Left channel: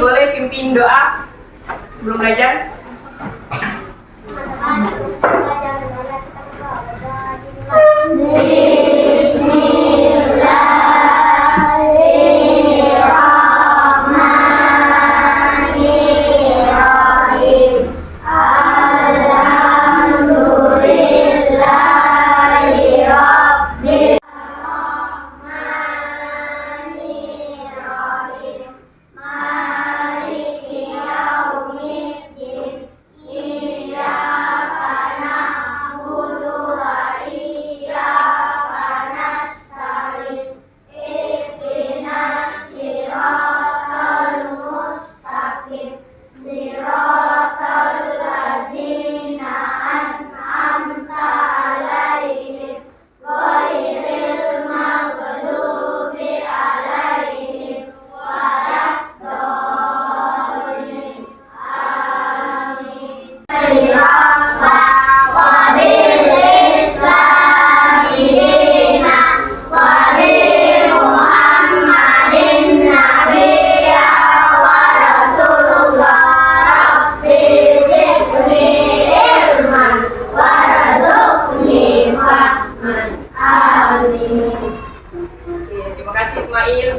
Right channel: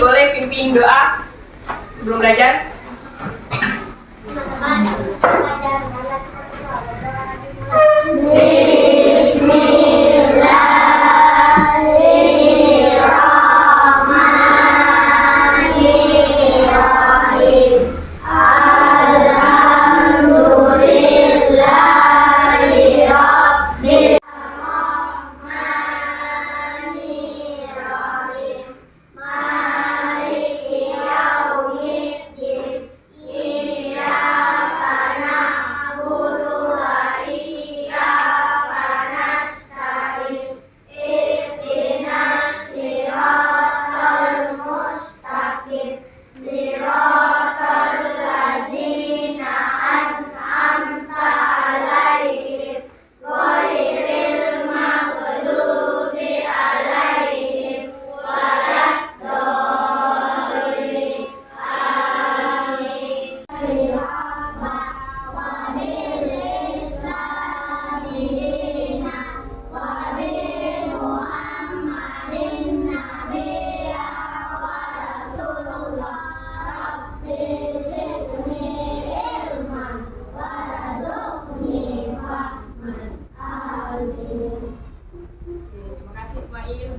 boleh pimpin doa sebelum belajar.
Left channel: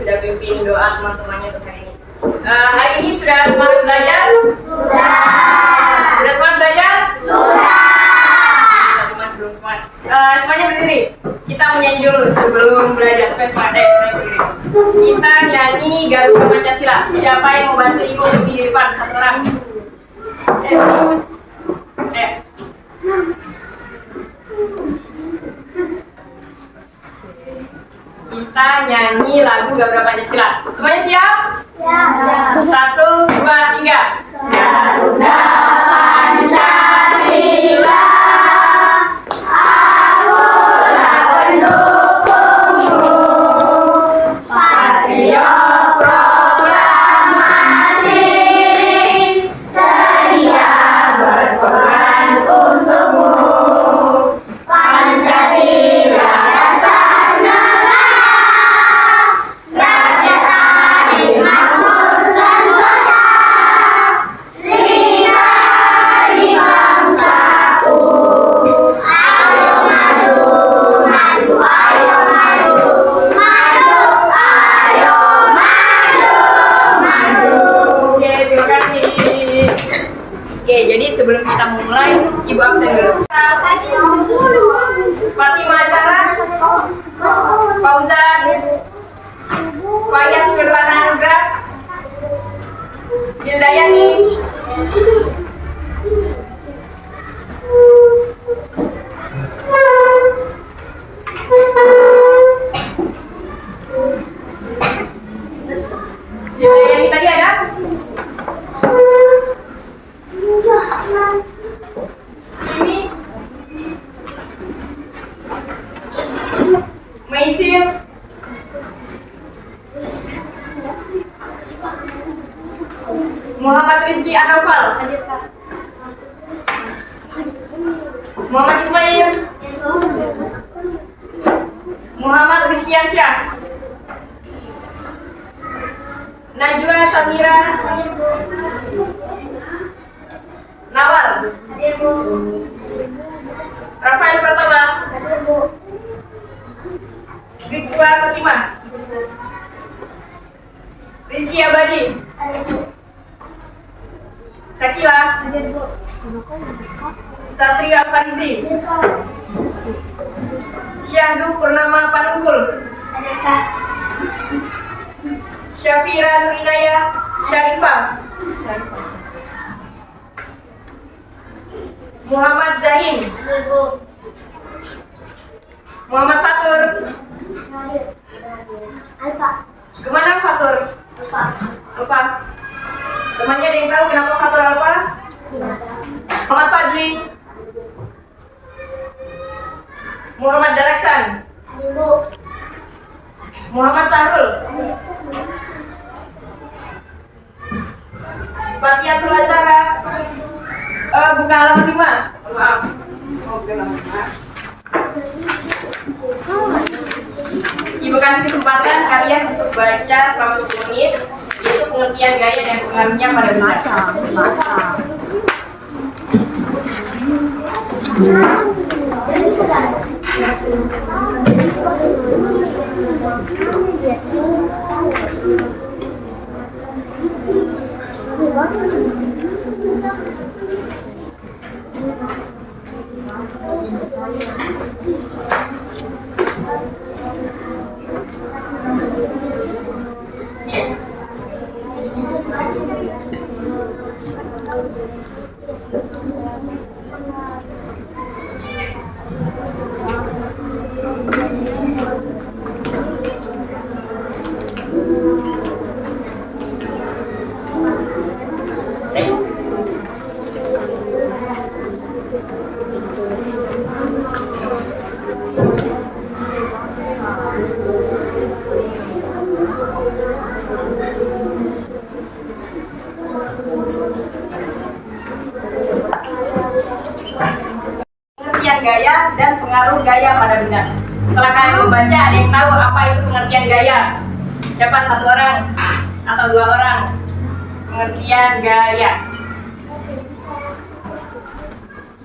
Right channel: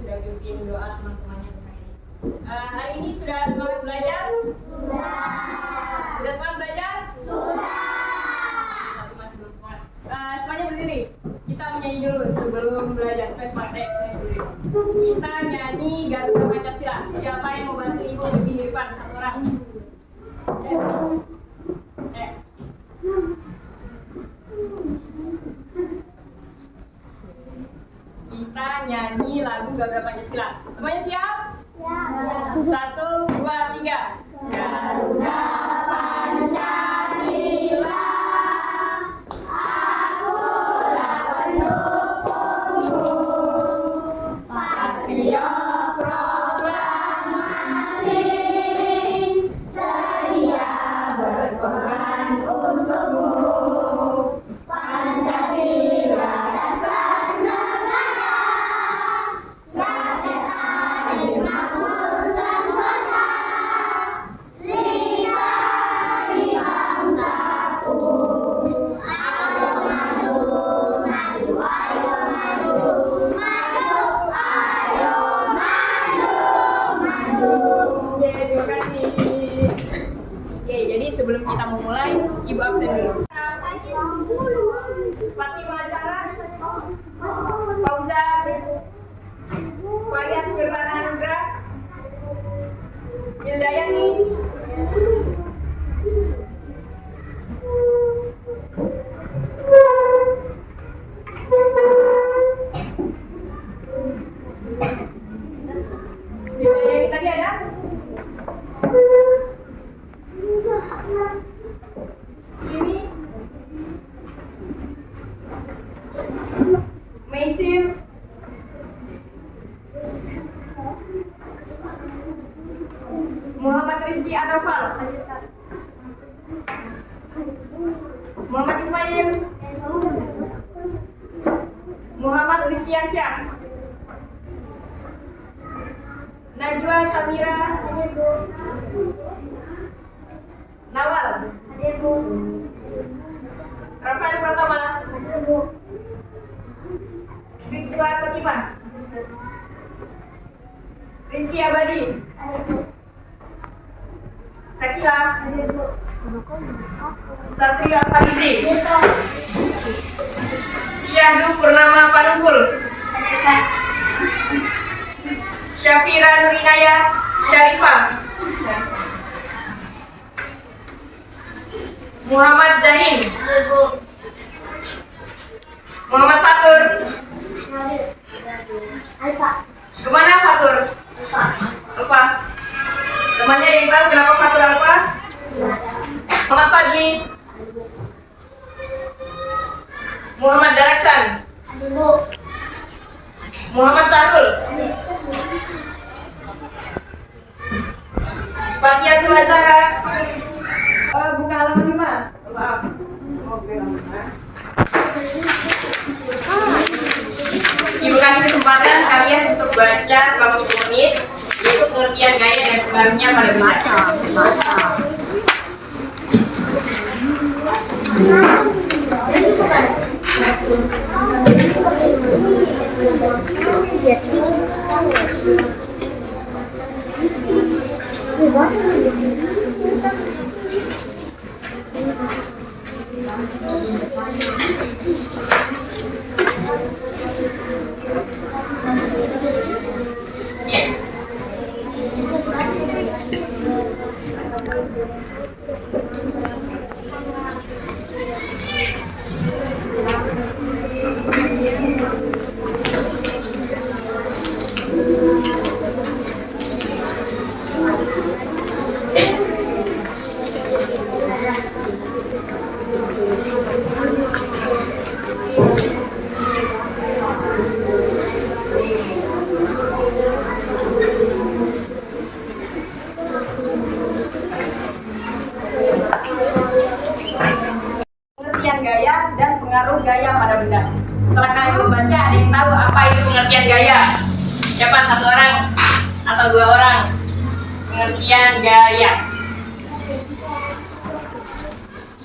Sudah pimpin doa teman-temannya untuk hari ini. Hari ini sudah semangat belajar? Sudah. Sudah semangat belajar? Sudah. Cuma sebelum semangat. Semuanya berdiri. Kita menyanyi dulu sebelum belajar. Semuanya berdiri. Kita nyanyi Garuda Pancasila. Siapa yang mau bantu ibu berdiri di depan? Satu orang. Kita nyanyi lagu Garuda Pancasila. Semuanya siap? Siap. 1, 2, 3. Garuda Pancasila, akulah pendukungmu. Patriot proklamasi, sedia berkorban untukmu. Pancasila dasar negara, rakyat adil makmur sentosa, ringan di bangsaku. Ayo maju, maju, ayo maju, maju, ayo maju, maju. Oke, terima kasih. Oke, jadi sebelum kita memulai, Ibu absen dulu. Fatimah Zahra, Fauzan, Fayat Firlana Nugra, Hildayani, Hildayani tadi ada? Ini Maisil, Muhammad Rizky Anwar, Muhammad Ismail, Muhammad Rizkiansyah, Najwa Samira, Nawal, Rafael Pratama, Rizwa Fatimah, Rizky Abadi, Sakila, Satria Farizi, Syahdu Purnama Panunggul, Syafira Nurinaya Syarifah, Muhammad Zahin, Muhammad Fatur. Kemana Fatur? Lupa. Temannya ada yang tahu kenapa Fatur Alfa? Muhammad Fadli, Muhammad Daraksan, Muhammad Sahrul, Fatihatul Azhara. Buka halaman 5. Maaf. Buka halaman 5. Ibu kasih kesempatan kalian untuk baca selama 10 menit. Itu pengertian gaya dan pengaruhnya pada benda. Pengertian gaya dan pengaruh gaya pada benda. Setelah kalian membaca, ada yang tahu apa itu pengertian gaya? Siapa? Satu orang atau dua orang? Pengertian gaya.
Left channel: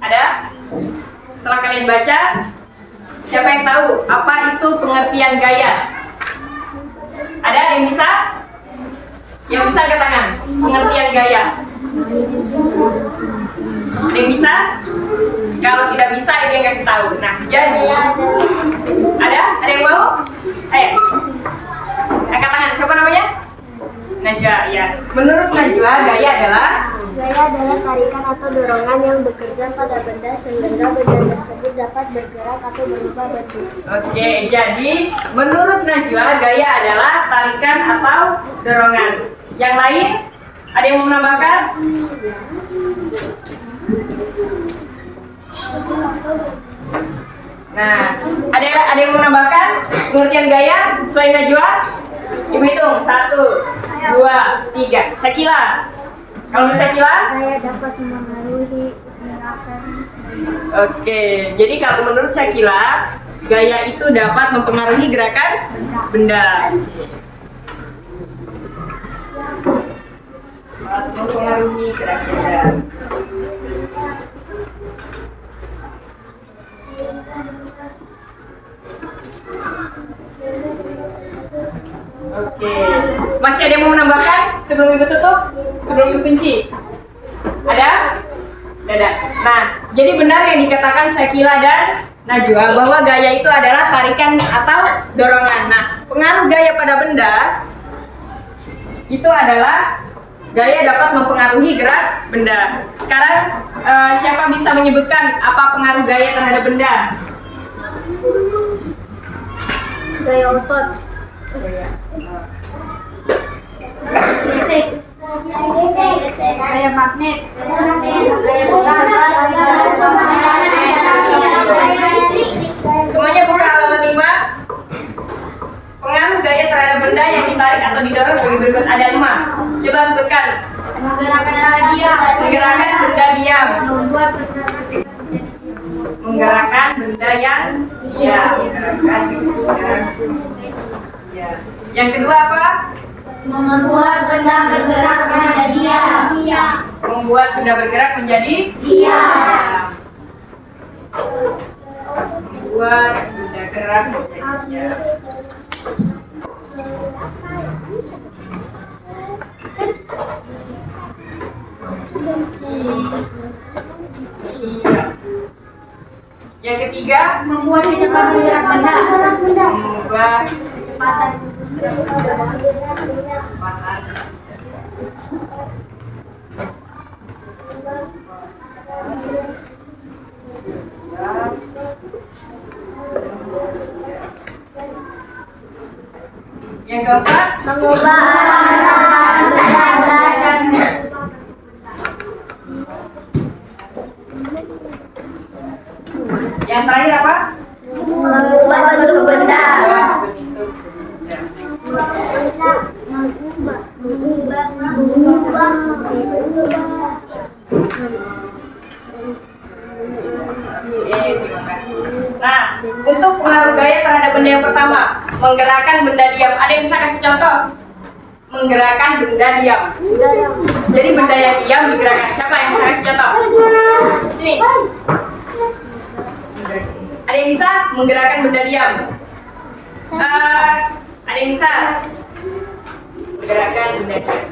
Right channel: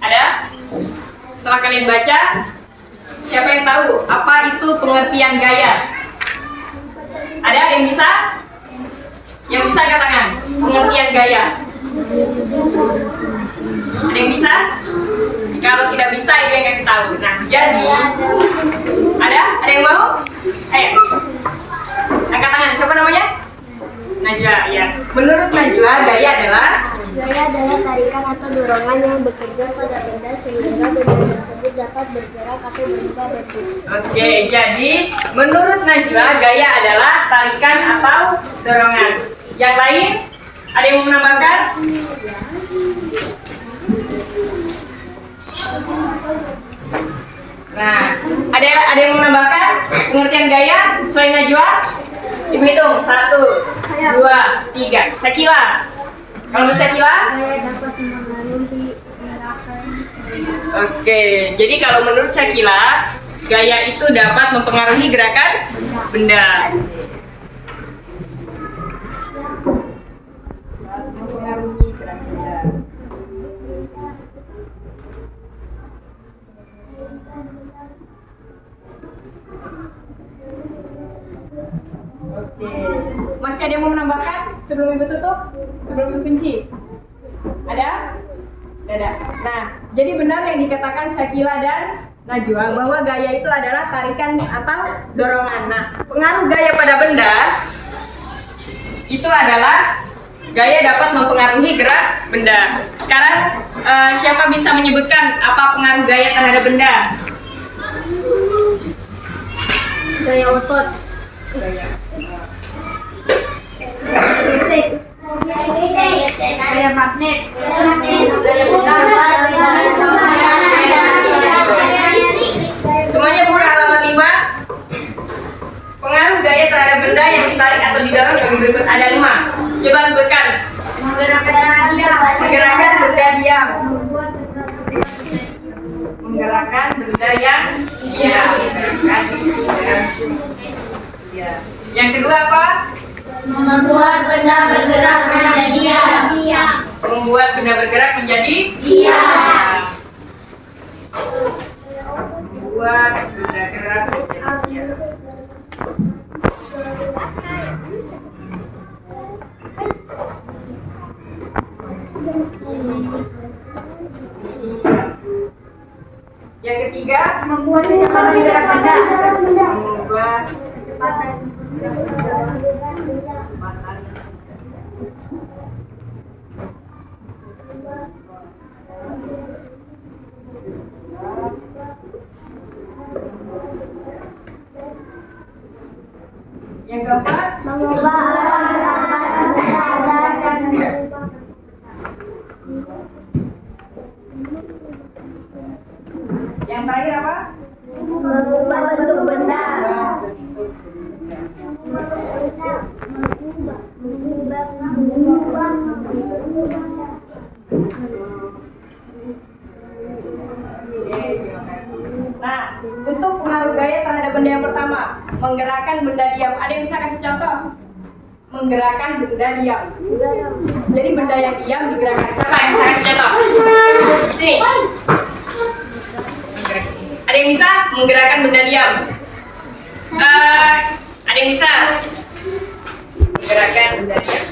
Ada? Setelah kalian baca, siapa yang tahu apa itu pengertian gaya? Ada yang bisa? Yang bisa angkat tangan. Pengertian gaya. Ada yang bisa? Kalau tidak bisa, ibu yang kasih tahu. Nah, jadi ada yang mau? Ayo, angkat tangan. Siapa namanya? Najwa. Ya. Menurut Najwa, gaya adalah tarikan atau dorongan yang bekerja pada benda sehingga benda tersebut dapat bergerak atau berubah bentuk. Oke, jadi menurut Najwa, gaya adalah tarikan atau dorongan. Yang lain, ada yang mau menambahkan? Nah, ada yang mau menambahkan pengertian gaya selain Najwa? Ibu hitung 1, 2, 3. Syakila. Kalau Syakila? Gaya dapat mempengaruhi gerakan. Oke, jadi kalau menurut Syakila, gaya itu dapat mempengaruhi gerakan benda. Mempengaruhi gerakan benda. Oke, masih ada yang mau menambahkan sebelum ibu tutup? Sebelum ibu kunci? Ada? Ada. Nah, jadi benar yang dikatakan Syakila dan Najwa bahwa gaya itu adalah tarikan atau dorongan. Nah, pengaruh gaya pada benda itu adalah gaya dapat mempengaruhi gerak benda. Sekarang siapa bisa menyebutkan apa pengaruh gaya terhadap benda? Gaya otot. Gaya magnet. Semuanya buka halaman 5. Pengaruh gaya terhadap benda yang ditarik atau didorong bagi berikut ada 5. Coba sebutkan. Menggerakkan benda diam. Menggerakkan benda yang diam. Menggerakkan benda diam. Yang kedua apa? Membuat benda bergerak menjadi diam. Membuat benda bergerak menjadi Diam. Membuat benda gerak menjadi diam. Yang ketiga, Membuat kecepatan gerak benda. membuat Kecepatan. kecepatan. Yang keempat, Mengubah arah dan yang terakhir apa? mengubah bentuk benda. Bentuk benda. Terima kasih. Nah, untuk pengaruh gaya terhadap benda yang pertama, menggerakkan benda diam. Ada yang bisa kasih contoh? menggerakkan benda diam? Jadi benda yang diam digerakkan. Siapa yang bisa kasih contoh? Sini. Ada yang bisa menggerakkan benda diam? Ada yang bisa menggerakkan benda diam?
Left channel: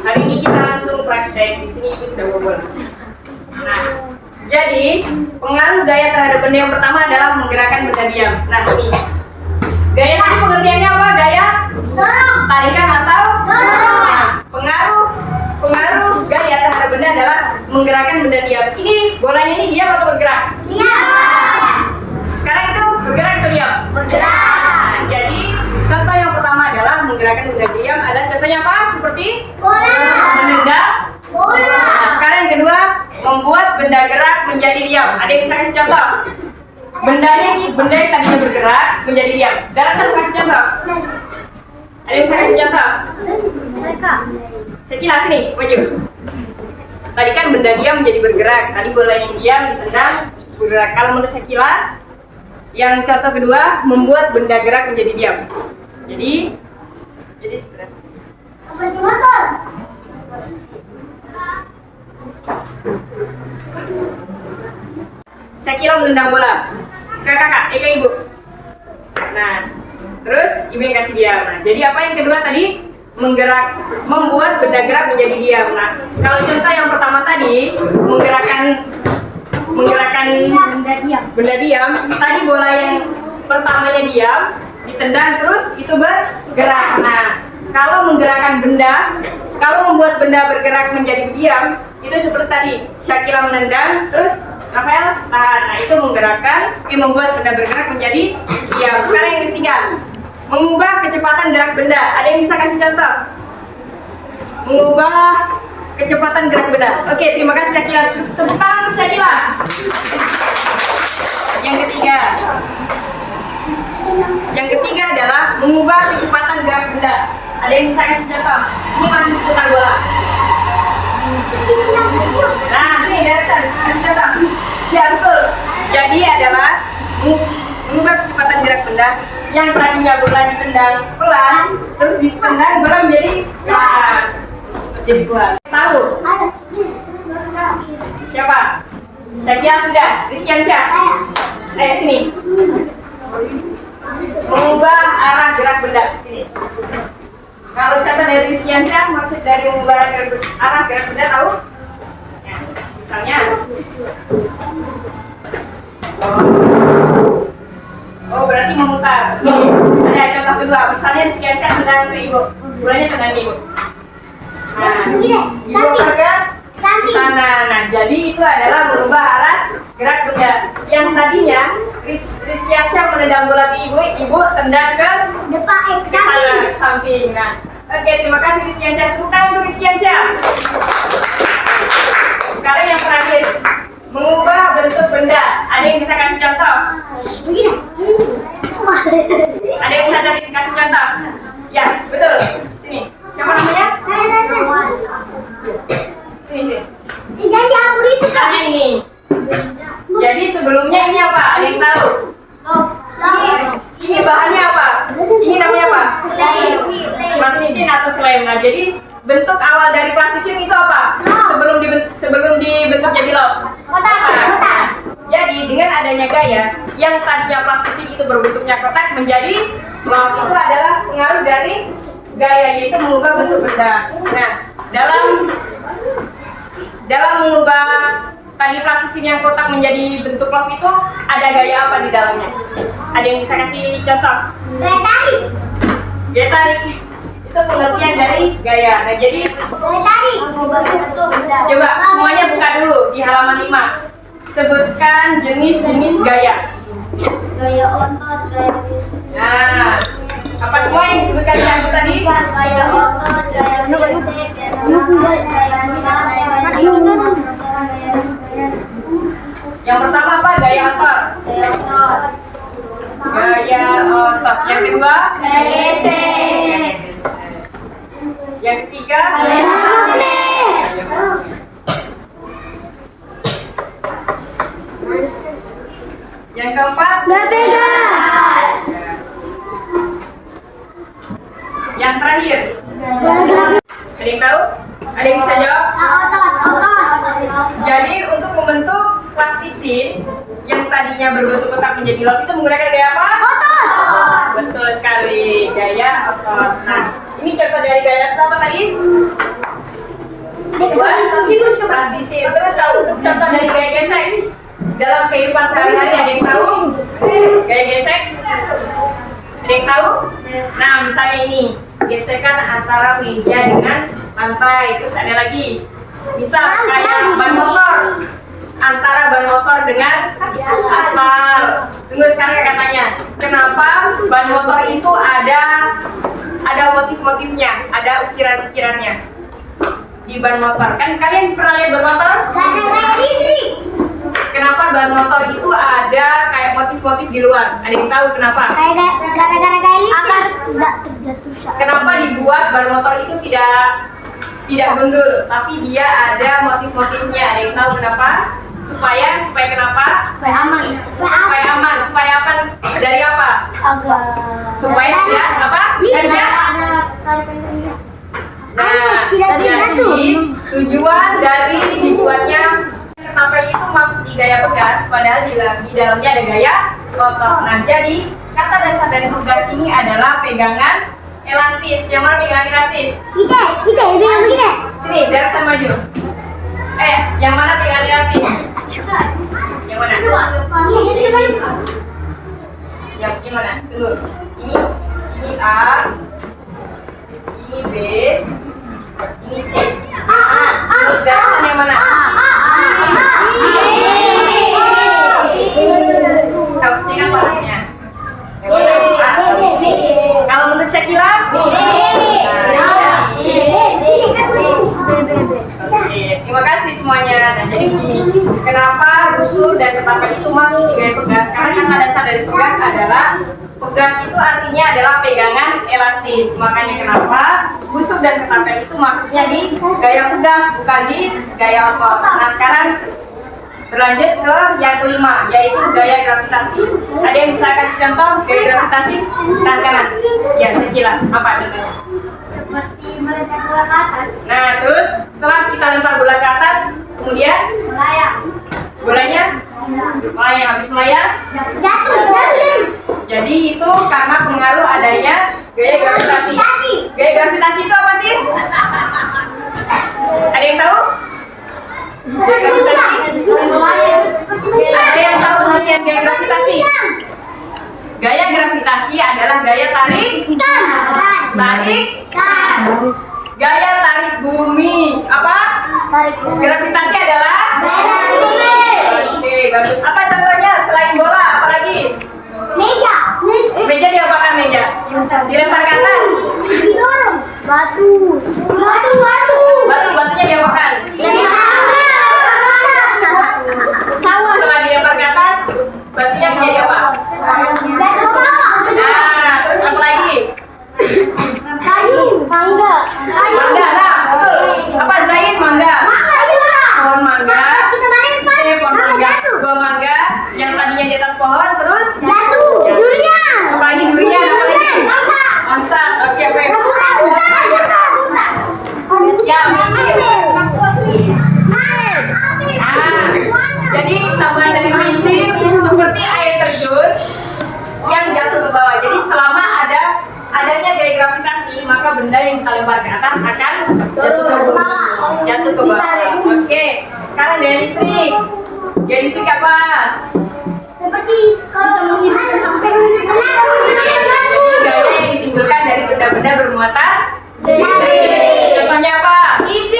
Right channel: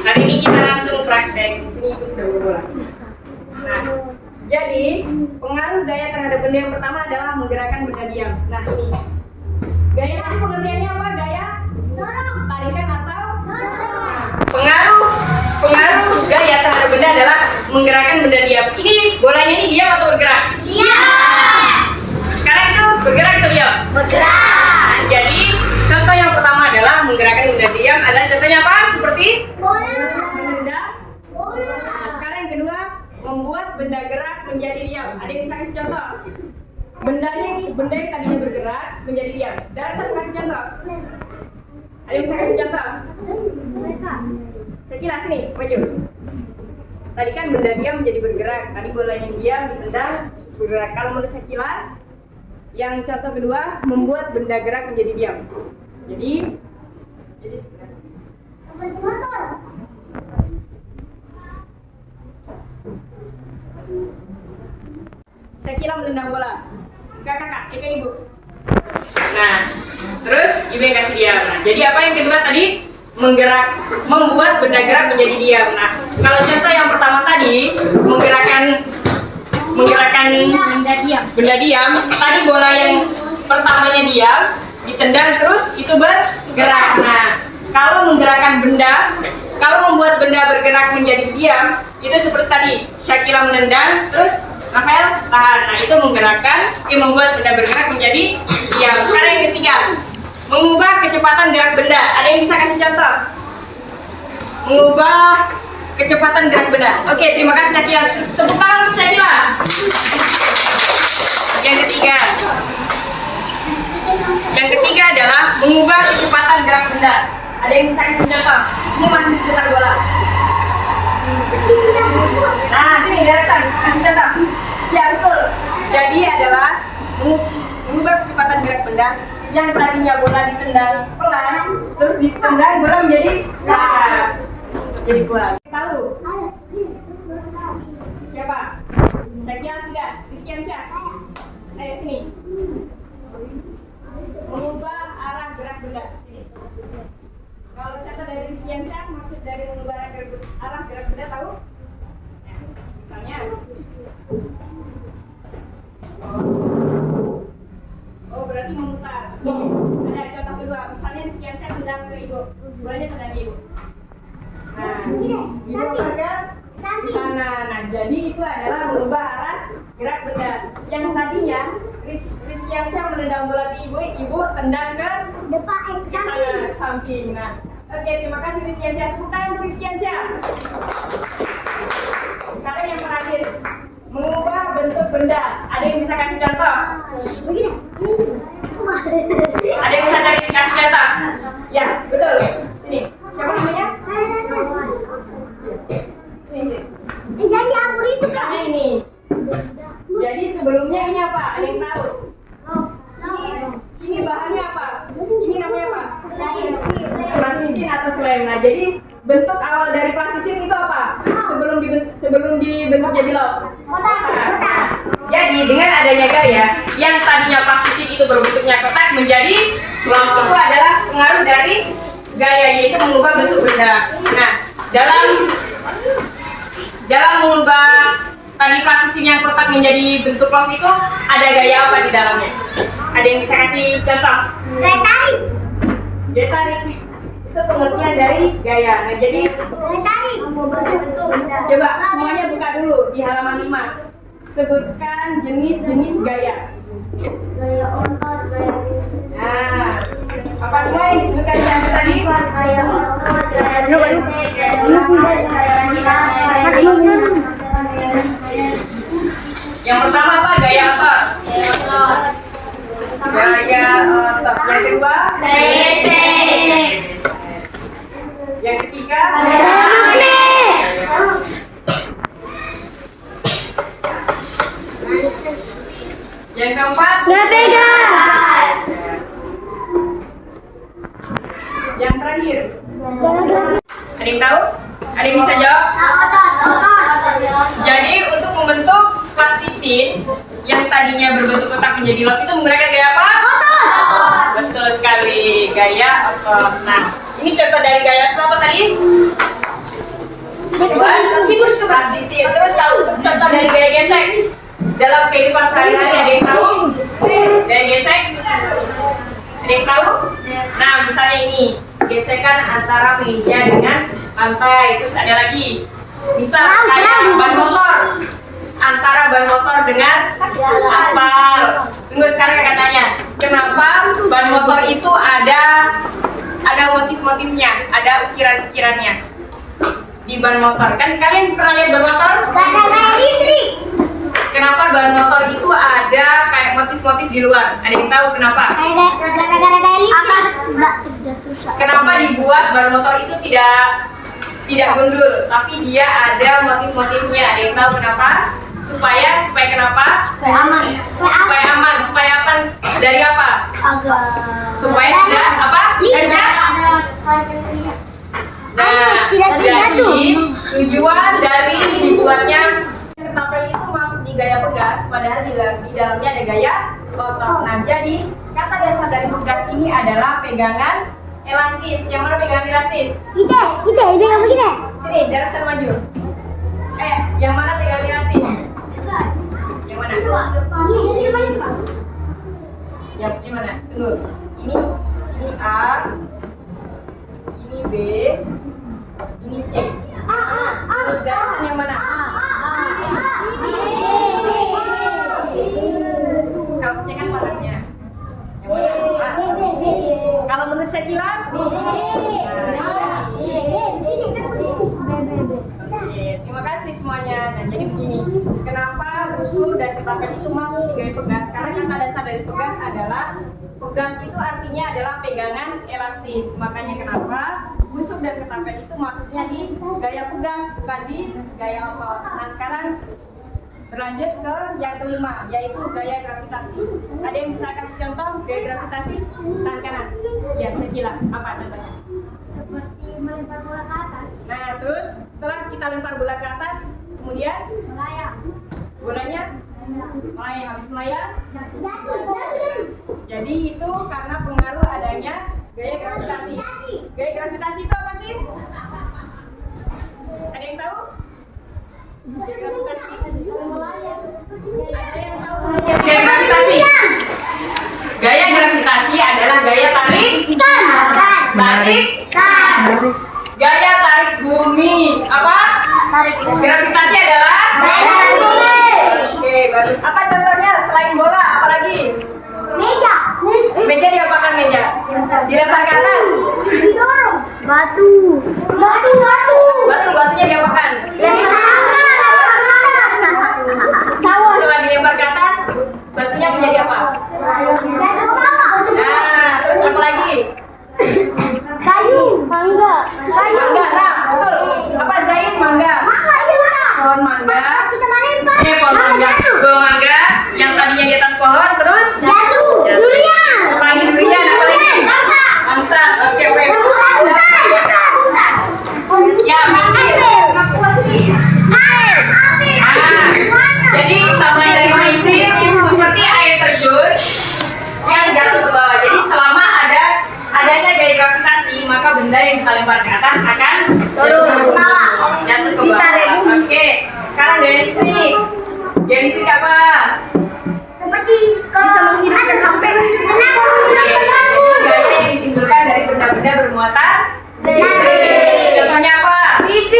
Hari ini kita langsung praktek. Di sini ibu sudah bola. Nah, jadi pengaruh gaya terhadap benda yang pertama adalah menggerakkan benda diam. Nah, ini gaya tadi pengertiannya apa? Gaya tarikan atau nah, pengaruh gaya terhadap benda adalah menggerakkan benda diam. Ini bolanya ini diam atau bergerak? Diam. Sekarang itu bergerak atau diam? Bergerak. Nah, jadi contoh yang pertama adalah menggerakkan benda diam. Ada contohnya apa? Seperti Bola. menendang Bola. Nah, sekarang yang kedua, membuat benda gerak menjadi diam. Ada yang bisa kasih contoh? Benda yang tadinya bergerak menjadi diam. Darasa kasih contoh. Ada yang bisa kasih contoh? Mereka. Sekilas nih, maju. Tadi kan benda diam menjadi bergerak. Tadi bola yang diam ditendang bergerak. Kalau menurut Sekila, yang contoh kedua membuat benda gerak menjadi diam. Jadi sebenarnya Seperti motor. Sekila menendang bola. Kakak, ibu. Nah, terus ibu yang kasih diam. Nah, jadi apa yang kedua tadi? Membuat benda gerak menjadi diam. Nah, kalau contoh yang pertama tadi menggerakkan benda diam. Tadi bola yang pertamanya diam, ditendang terus itu bergerak. Nah, kalau menggerakkan benda, kalau membuat benda bergerak menjadi diam, itu seperti tadi Syakila menendang, terus Rafael tahan. Nah, itu membuat benda bergerak menjadi diam. Sekarang yang ketiga, mengubah kecepatan gerak benda. Ada yang bisa kasih contoh? Mengubah kecepatan gerak benda. Oke, terima kasih Syakila. Tepuk tangan untuk Syakila. Yang ketiga adalah mengubah kecepatan gerak benda. Ada yang bisa kasih contoh? Ini masih seputar bola. Nah, sini Darsan, kasih contoh. Ya, betul. Jadi adalah mengubah kecepatan gerak benda yang tadinya bola ditendang pelan, terus ditendang bola menjadi keras. Jadi kuat. Tahu? Siapa? Saya sudah. Rizkiansyah. Ayo sini. Mengubah arah gerak benda. Sini. Kalau contoh dari Rizkiansyah, maksud dari mengubah arah gerak benda tahu? Ya, misalnya. Oh, berarti memutar. Ada contoh kedua. Misalnya Rizkiansyah tendang ke ibu. Bolanya tendang ibu. Nah, ibu ke sana. Nah, jadi itu adalah merubah arah gerak benda. Yang tadinya Rizkiansyah menendang bola ke ibu tendang ke Depan ke sana, ke samping. Nah, oke, terima kasih Rizkiansyah. Tepuk tangan untuk Rizkiansyah. Sekarang yang terakhir, mengubah bentuk benda. Ada yang bisa kasih contoh? Ada yang bisa kasih contoh? Ya, betul. Sini. Siapa namanya? Sini. Jadi aku itu Misalnya ini. Jadi sebelumnya ini apa? Ada yang tahu? Ini bahannya apa? Ini namanya apa? Plastisin atau slem. Nah, jadi bentuk awal dari plastisin itu apa? Sebelum dibentuk jadi log. Kotak. Nah, jadi dengan adanya gaya yang tadinya plastisin itu berbentuknya kotak menjadi log, itu adalah pengaruh dari gaya, yaitu mengubah bentuk benda. Nah, dalam mengubah tadi plastisin yang kotak menjadi bentuk log itu ada gaya apa di dalamnya? Ada yang bisa kasih contoh? Gaya tarik. Gaya tarik itu pengertian dari gaya. Nah, jadi Gaya tarik. coba semuanya buka dulu di halaman 5. Sebutkan jenis-jenis gaya. Gaya otot, gaya Nah, apa semua yang disebutkan di angka tadi? gaya otot, gaya fisik, gaya tarik, gaya minat, Yang pertama apa? Gaya otot. gaya otot, Gaya otot. Yang kedua? gaya gesek, Yang ketiga? gaya magnet. Yang keempat? Gaya pegas. terakhir? Ada yang tahu? Ada yang bisa jawab? Jadi untuk membentuk plastisin yang tadinya berbentuk kotak menjadi love itu menggunakan gaya apa? Betul sekali, gaya otot. Nah, ini contoh dari gaya apa tadi? Plastisin. Terus kalau untuk contoh dari gaya gesek dalam kehidupan sehari-hari ada yang tahu? Gaya gesek? Ada yang tahu? Nah, misalnya ini gesekan antara meja dengan lantai. Terus ada lagi, misal kayak ban motor, antara ban motor dengan aspal. Tunggu, sekarang kakak tanya, kenapa ban motor itu ada motif-motifnya, ada ukiran-ukirannya di ban motor? Kan kalian pernah lihat ban motor? Kenapa ban motor itu ada kayak motif-motif di luar? Ada yang tahu kenapa? Gara-gara listrik. Kenapa dibuat ban motor itu tidak gundul, tapi dia ada motif-motifnya? Ada yang tahu kenapa? Supaya kenapa? Supaya aman. Supaya apa? Dari apa? Supaya tidak apa? Nah, Tidak jadi tujuan dari dibuatnya ketapel itu masuk di gaya pegas, padahal di dalamnya ada gaya otot. Nah, jadi kata dasar dari pegas ini adalah pegangan elastis. Yang mana pegangan elastis? Sini, Darah sama maju. Yang mana pegangan elastis? Yang mana? Yang gimana? Tunggu. Ini A, ini B, ini C. Terus garisan yang mana? Kamu ingat palanya? Yang mana? Kalau menurut Syakila? Oke, terima kasih semuanya. Nah, jadi begini, kenapa busur dan ketapel itu masuk di gaya pegas? Karena kata dasar dari pegas adalah pegas itu artinya adalah pegangan elastis. Makanya kenapa busur dan ketapel itu masuknya di gaya pegas, bukan di gaya otot. Nah, sekarang berlanjut ke yang kelima, yaitu gaya gravitasi. Ada yang bisa kasih contoh gaya gravitasi? Tangan kanan. Ya, Syakila. Apa contohnya? Seperti melempar bola ke atas. Nah, terus setelah kita lempar bola ke atas, kemudian Melayang. bolanya melayang. Habis melayang, Jatuh. jadi itu karena pengaruh adanya gaya gravitasi. Gaya gravitasi itu apa sih? Ada yang tahu? Gaya gravitasi. Ada yang tahu pengertian gaya gravitasi? Gaya gravitasi adalah gaya tarik. Gaya tarik bumi. Apa? Gravitasi adalah? Oke, bagus. Apa contohnya selain bola? Apalagi? Meja. Meja diapakan meja? Dilempar ke atas. Didorong. Batu. Batunya diapakan? Pesawat. Setelah dilempar ke atas, batunya menjadi apa? Nah, terus apa lagi? Kayu. Mangga. Mangga, nah betul. Apa Zain? Mangga. Pohon mangga. Pohon mangga. Buah mangga yang tadinya di atas pohon terus Jatuh. Durian. apa lagi? Durian. Apa lagi? Angsa. Oke. Ya, misir. Jadi tambahan dari prinsip seperti air terjun yang jatuh ke bawah. Jadi selama adanya gaya gravitasi, maka benda yang kita lempar ke atas akan jatuh ke bawah. Oke, sekarang gaya listrik. Gaya listrik apa? Seperti kalau ada sampai Jadi gaya yang ditimbulkan dari benda-benda bermuatan listrik. Contohnya apa? TV.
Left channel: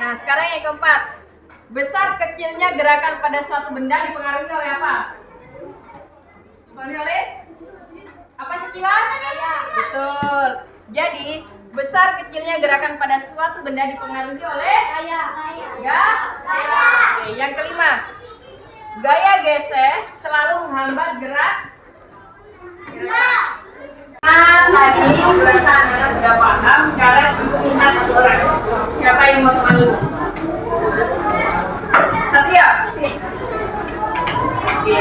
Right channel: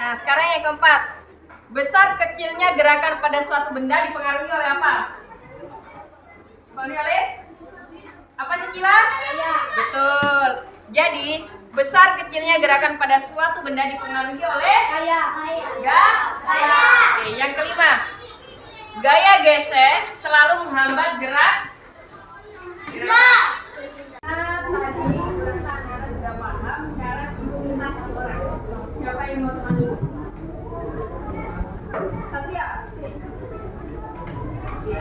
Nah, sekarang yang keempat. Besar kecilnya gerakan pada suatu benda dipengaruhi oleh apa? Dipengaruhi oleh apa sih, Kila? Betul. Jadi, besar kecilnya gerakan pada suatu benda dipengaruhi oleh Oke, yang kelima. Gaya gesek selalu menghambat gerak Tadi berasa anak sudah paham. Sekarang ibu minta satu orang. Siapa yang mau temani ibu? Satria, sini. Oke.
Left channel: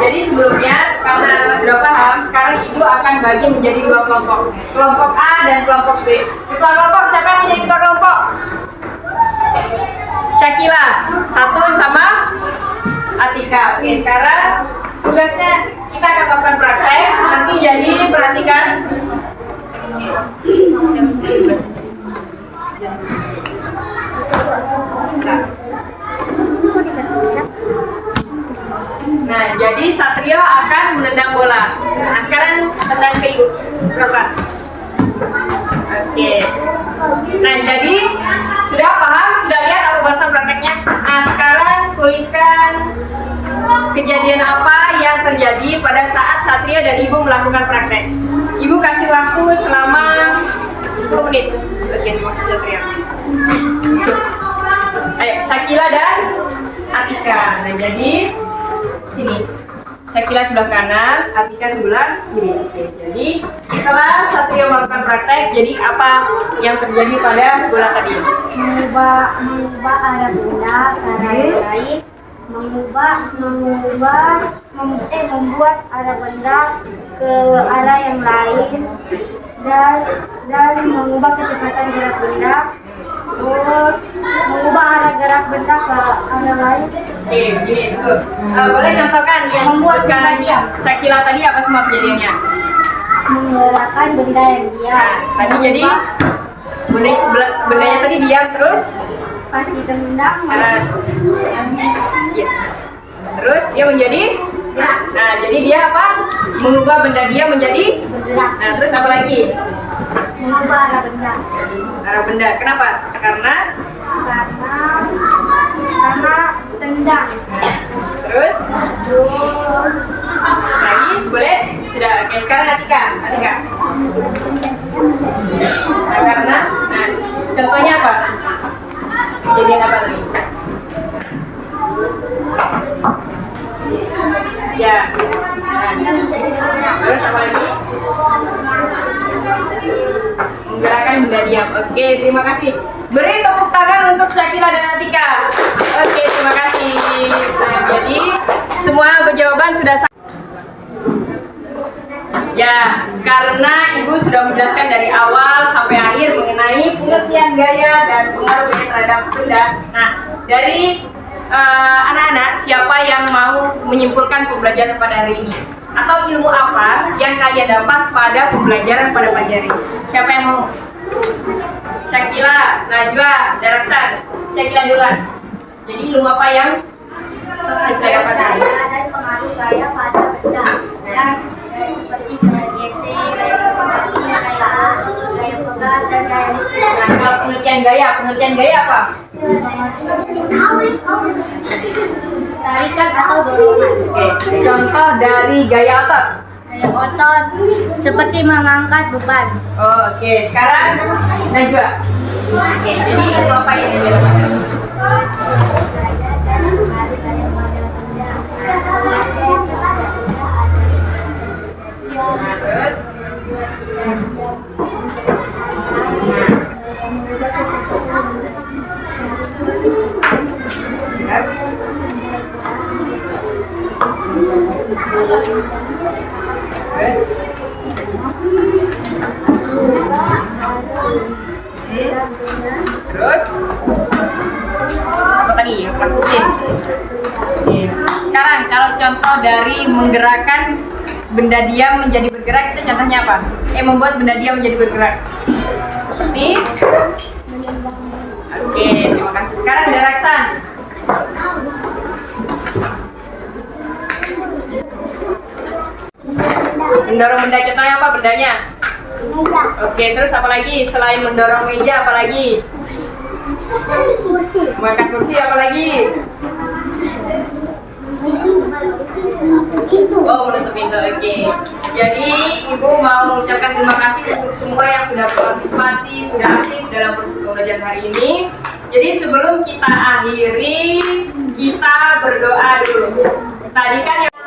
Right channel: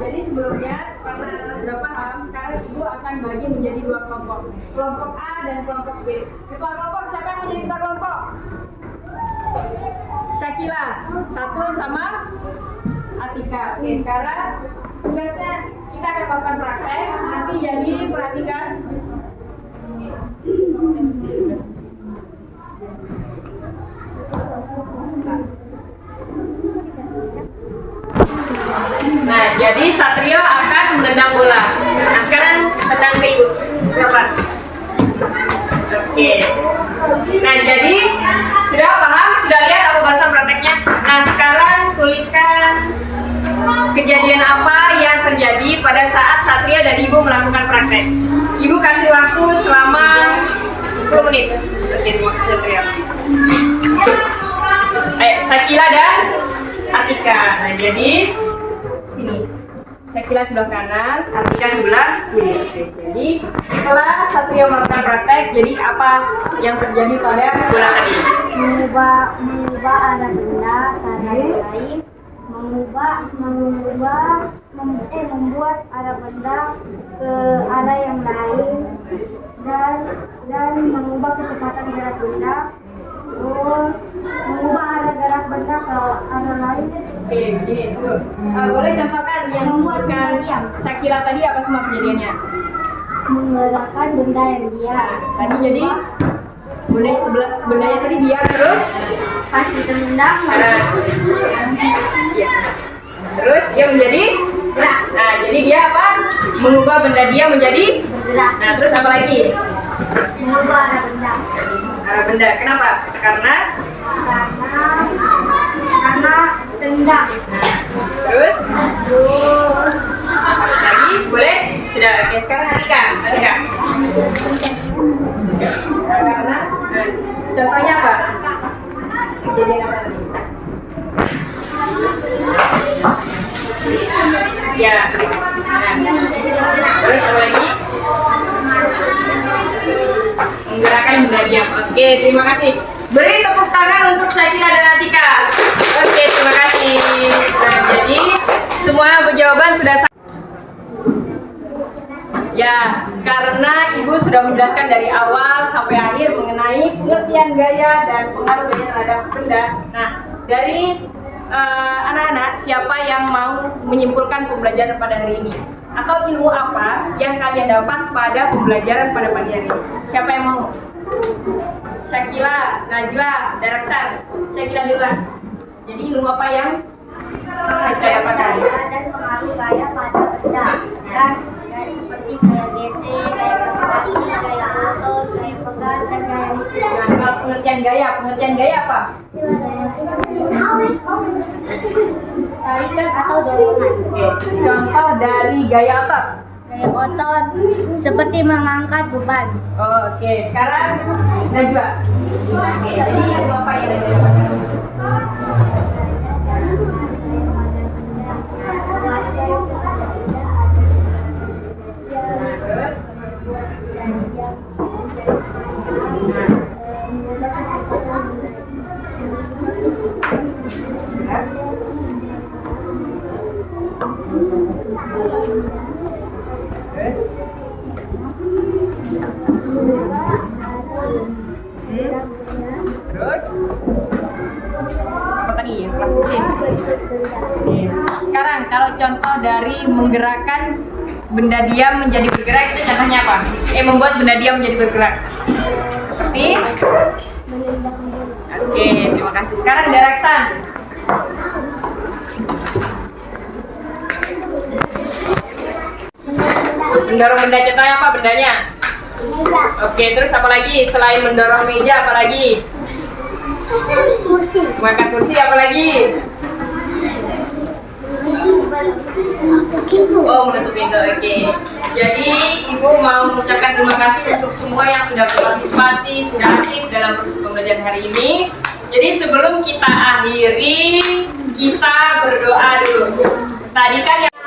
Jadi sebelumnya karena anak sudah paham, sekarang ibu akan bagi menjadi dua kelompok. Kelompok A dan kelompok B. Ketua kelompok, siapa yang menjadi ketua kelompok? Syakila, satu sama Atika. Oke, sekarang tugasnya kita akan melakukan praktek. Nanti jadi perhatikan. Nah, jadi Satrio akan menendang bola. Nah, sekarang tendang ke ibu. Berapa? Oke. Nah, jadi sudah paham? Sudah lihat aku barusan prakteknya? Nah, sekarang tuliskan kejadian apa yang terjadi pada saat Satria dan ibu melakukan praktek. Ibu kasih waktu selama 10 menit. Oke, terima kasih Satria. Ayo, Sakila dan Atika. Nah, jadi sini. Sakila sebelah kanan, Atika sebelah kiri. Oke, jadi setelah Satria melakukan praktek, jadi apa yang terjadi pada bola tadi? Mengubah arah benda ke arah lain, membuat arah benda ke arah yang lain, dan mengubah kecepatan gerak benda, terus mengubah arah gerak benda ke arah lain. Oke, begini tuh. Boleh contohkan yang disebutkan Sakila tadi apa semua kejadiannya? Menggerakkan benda yang diam. Nah, tadi jadi bendanya tadi diam terus. Pas ditendang, Ya. Terus dia menjadi gerak, nah, jadi dia apa? Mengubah benda dia menjadi bergerak, nah, terus apa lagi? mengubah arah benda. Arah benda. Kenapa? Karena Karena tendang. terus Terus lagi boleh? Sudah. Oke, sekarang Atika. Nah, karena contohnya apa? Kejadian apa tadi? Ya. Nah, terus apa lagi? Menggerakkan benda diam. Oke, terima kasih. Beri tepuk tangan untuk Sakila dan Atika. Oke, terima kasih. Nah, jadi semua berjawaban sudah ya, karena ibu sudah menjelaskan dari awal sampai akhir mengenai pengertian gaya dan pengaruh gaya terhadap benda. Nah, dari anak-anak siapa yang mau menyimpulkan pembelajaran pada hari ini? Atau ilmu apa yang kalian dapat pada pembelajaran pada pagi hari ini? Siapa yang mau? Syakila, Najwa, Daraksan. Syakila duluan. Jadi ilmu apa yang kita dapatkan? ada pengaruh gaya pada benda, dan gaya seperti gaya gesek, gaya seperti gaya otol, gaya pegas, dan gaya listrik. Nah, kalau pengertian gaya apa? Tarikan atau dorongan. Oke, contoh dari gaya otot. Gaya otot seperti mengangkat beban. Oh, oke, sekarang Najwa. Oke, jadi itu apa yang Najwa lakukan? Nah, terus? Terus apa tadi yang klaksisin? Sekarang kalau contoh dari menggerakkan benda diam menjadi bergerak itu contohnya apa? Membuat benda diam menjadi bergerak. Seperti oke, terima kasih. Sekarang Daraksan. Mendorong benda, contohnya apa bendanya? Meja. Oke, terus apa lagi? Selain mendorong meja apa lagi? Kursi. Mengangkat kursi apa lagi? Pintu. Oh, menutup pintu. Oke. Jadi ibu mau mengucapkan terima kasih untuk semua yang sudah berpartisipasi, sudah aktif dalam proses pembelajaran hari ini. Jadi sebelum kita akhiri, kita berdoa dulu. Tadi kan yang